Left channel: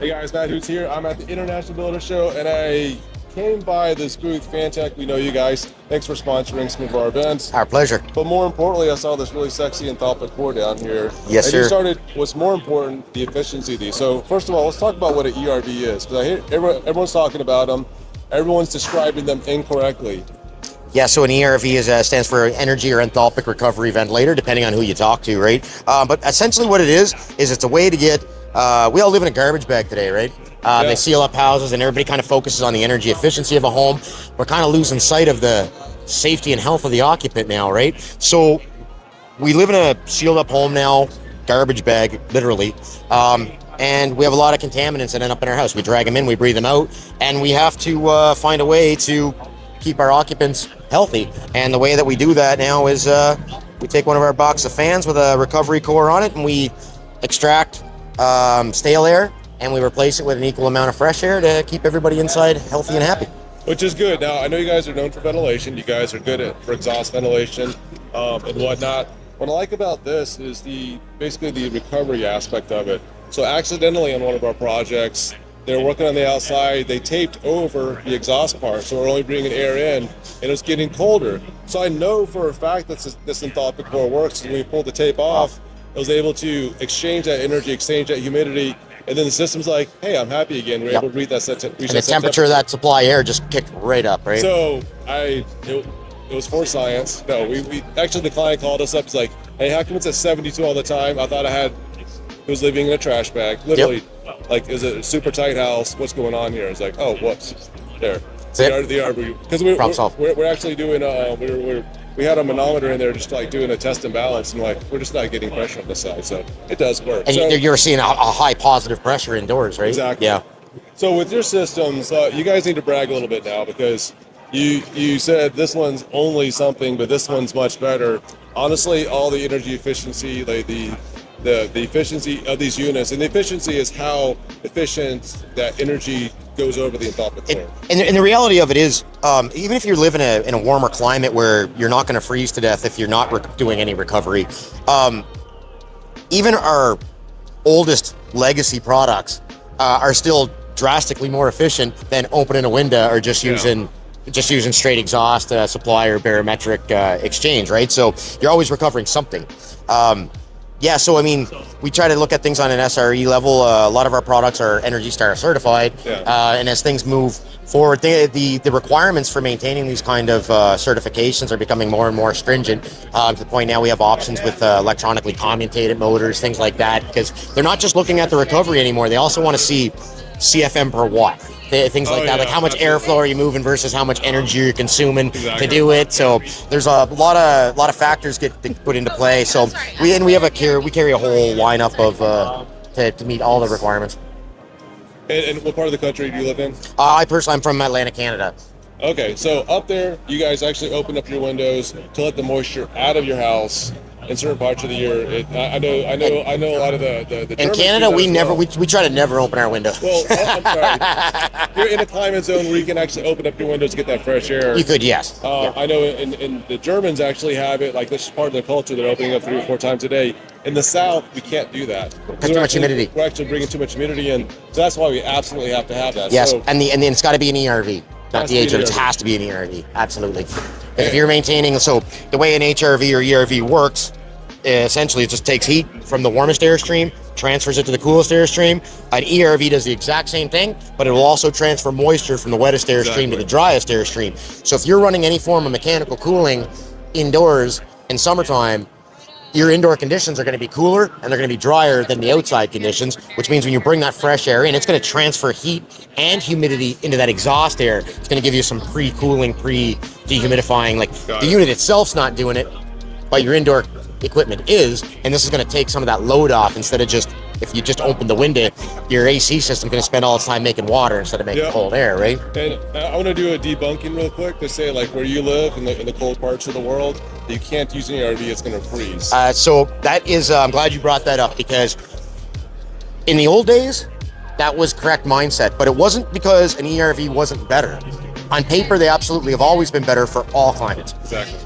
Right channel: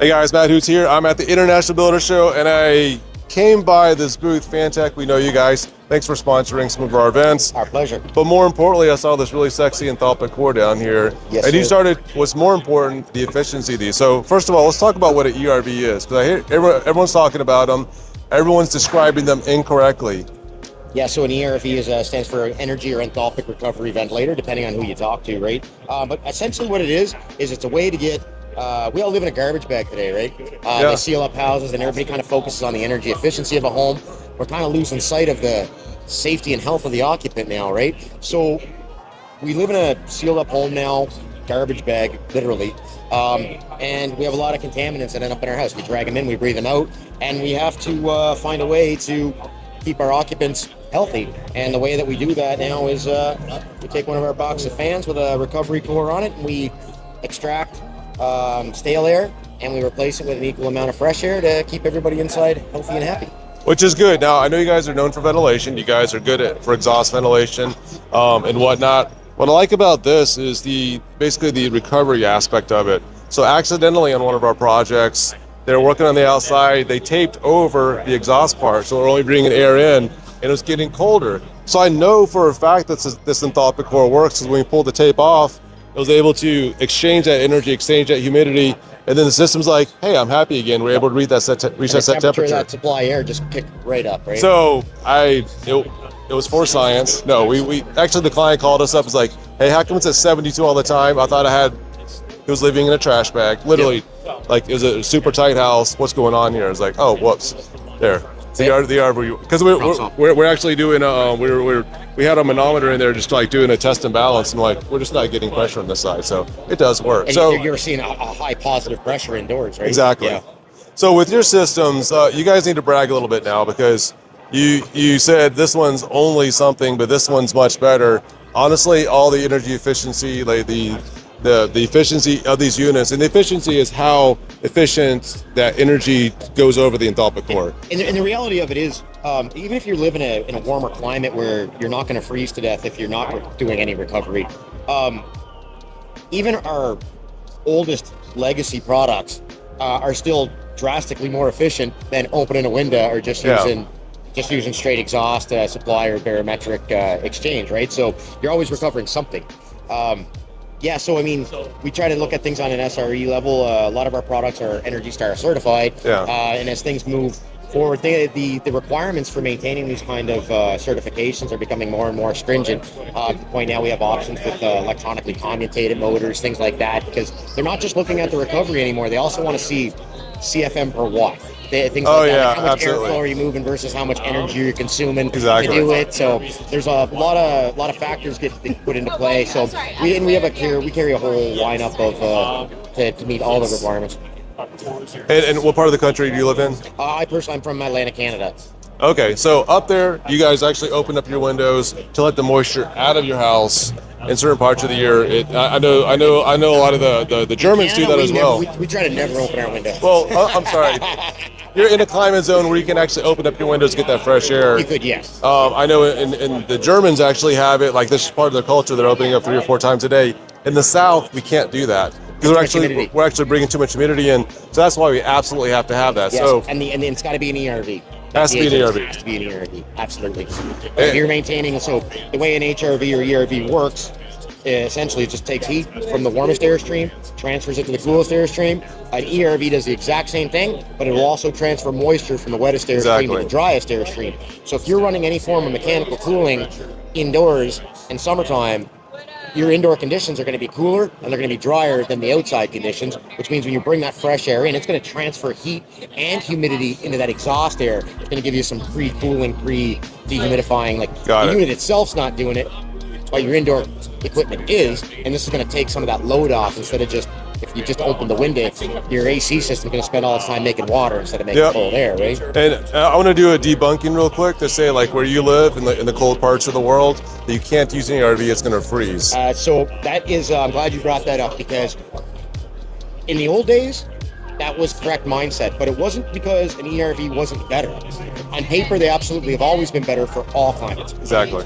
Hey guys, Matt Hoots here. I'm at the International Builder Show and I came by this booth, Fantech. We know you guys. Thanks for sponsoring some of our events. Our pleasure. But more importantly, I saw this really sexy Enthalpic core down here. Yes, and sir. you started, what's more important, the efficiency of these. So first of all, let's talk about what an ERV is. Because I hear everyone's talking about them. Everyone's describing them incorrectly. Yeah, so an ERV stands for Energy or Enthalpic Recovery Ventilator, depending on who you talk to, right? But essentially what it is it's a way to get, we all live in a garbage bag today, right? They seal up houses and everybody kind of focuses on the energy efficiency of a home. We're kind of losing sight of the safety and health of the occupant now, right? So we live in a sealed up home now, garbage bag, literally. And we have a lot of contaminants that end up in our house. We drag them in, we breathe them out, and we have to find a way to keep our occupants healthy. And the way that we do that now is we take one of our box of fans with a recovery core on it and we extract stale air and we replace it with an equal amount of fresh air to keep everybody inside healthy and happy. Which is good. Now, I know you guys are known for ventilation. You guys are good for exhaust ventilation and whatnot. What I like about this is basically the recovery aspect of it. So accidentally on one of our projects, they're working on the outside, they taped over the exhaust part, so we're only bringing air in, and it was getting colder. So I know for a fact that this Enthalpic core works, is when we pulled the tape off, it was able to exchange that energy, exchange that humidity, and then the system's like, hey, I'm happy again. We're able to reach that temperature of that supply air just kicked right up, right? So it was for science. No, we actually, the client called us up, was like, hey, how come it's at 72 all the time? I thought it was living in a trash bag, literally. Like, is it a super tight house? What's going on here? It's like, oh, whoops, there. The ERV, because we're actually doing we had a manometer in there just like doing a test and balance, and like we're just not getting pressure on this side, so it does work. And so you're seeing a high positive pressure indoors, right? Exactly. Yeah. So with your systems, you guys need to brag a little bit now because you said this one's only something, but this one's much better. Honestly, all the energy efficiency, like the efficiency of these units, and the efficiency is how efficient that energy goes over the Enthalpic core. And the reality of it is, even if you live in a warmer climate where you're not going to freeze to death if you're not doing any recovery, even our oldest legacy products are still drastically more efficient than opening a window or just using straight exhaust supply or barometric exchange, right? So you're always recovering something. So I mean, we try to look at things on an SRE level. A lot of our products are Energy Star certified, and as things move forward, the requirements for maintaining these kind of certifications are becoming more and more stringent. To the point now we have options with electronically commutated motors, things like that, because they're not just looking at the recovery anymore. They also want to see CFM per watt. Things like that, like how much airflow are you moving versus how much energy you're consuming to do it. So there's a lot of factors get put into play. So we carry a whole lineup of to meet all the requirements. And what part of the country do you live in? I'm from Atlanta, Canada. Okay, so up there, you guys actually open up your windows to let the moisture out of your house in certain parts of the year. I know a lot of the Germans in Canada, do that we try to never open our windows. Well, I'm sorry. You're in a climate zone where you can actually open up your windows to get that fresh air. You could, yes. I know in the Germans actually have it, like this is part of their culture, they're opening up 3 or 4 times a day. In the South, we can't do that. Too much humidity. We're actually bringing too much humidity in, so that's why we absolutely have to have that. Yes, so, and then it's got to be an ERV. Not the HRV. It has to be an ERV, absolutely. And if you're maintaining, so the way an HRV or ERV works, essentially it just takes heat from the warmest airstream, transfers it to the coolest airstream. An ERV does the exact same thing, but it will also transfer moisture from the wettest airstream to the driest airstream. So if you're running any form of mechanical cooling indoors in summertime, your indoor conditions are going to be cooler and they're going to be drier than the outside conditions, which means when you bring that fresh air in, it's going to transfer heat and humidity into that exhaust air. It's going to give you some pre-cooling, pre-dehumidifying. Like the unit itself's not doing it, but your indoor equipment is, and this is going to take some of that load off instead of just, if you just open the window, your AC system's going to spend all its time making water instead of making cold air, right? And I want to do a debunking real quick to say, like, where you live in the cold parts of the world, that you can't use an ERV, it's going to freeze. So that is, I'm glad you brought that up, because in the old days, that was correct mindset, but it wasn't because an ERV wasn't better. On paper, they absolutely have always been better for all climates. Exactly.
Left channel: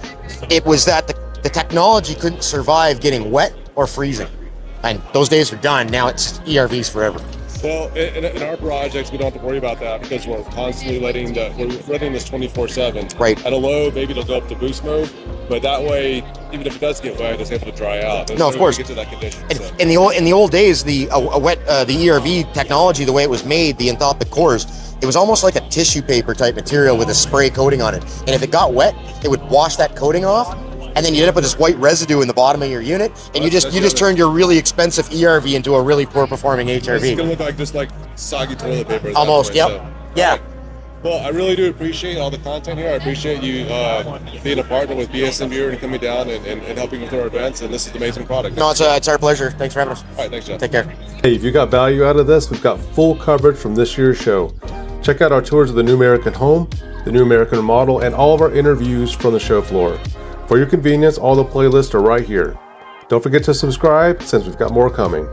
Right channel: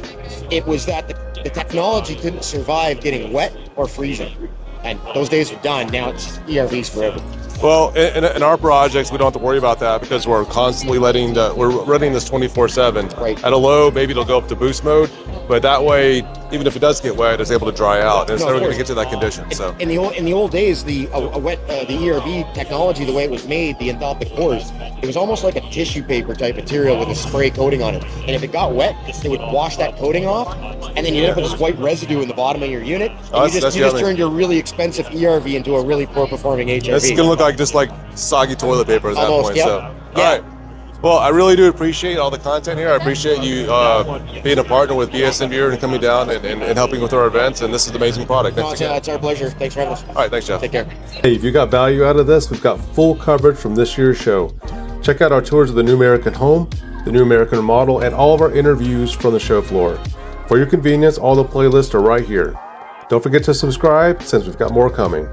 It was that the technology couldn't survive getting wet or freezing. And those days are done. Now it's ERVs forever. Well, in our projects, we don't have to worry about that because we're constantly we're running this 24/7. Right. At a low, maybe it'll go up to boost mode, but that way, even if it does get wet, it's able to dry out. And No, it's of never course. gonna get to that condition. So. In the old days, the ERV technology, the way it was made, the enthalpic cores, it was almost like a tissue paper type material with a spray coating on it. And if it got wet, it would wash that coating off, and then you end up with this white residue in the bottom of your unit, and you just turned your really expensive ERV into a really poor performing HRV. It's gonna look like just like soggy toilet paper at Almost, that point. yep. So. Yeah. All right. Well, I really do appreciate all the content here. I appreciate you being a partner with BSMU and coming down and helping with our events. And this is an amazing product. No, it's our pleasure. Thanks for having us. All right, thanks, Jeff. Take care. Hey, if you got value out of this, we've got full coverage from this year's show. Check out our tours of the New American Home, the New American Remodel, and all of our interviews from the show floor. For your convenience, all the playlists are right here. Don't forget to subscribe since we've got more coming.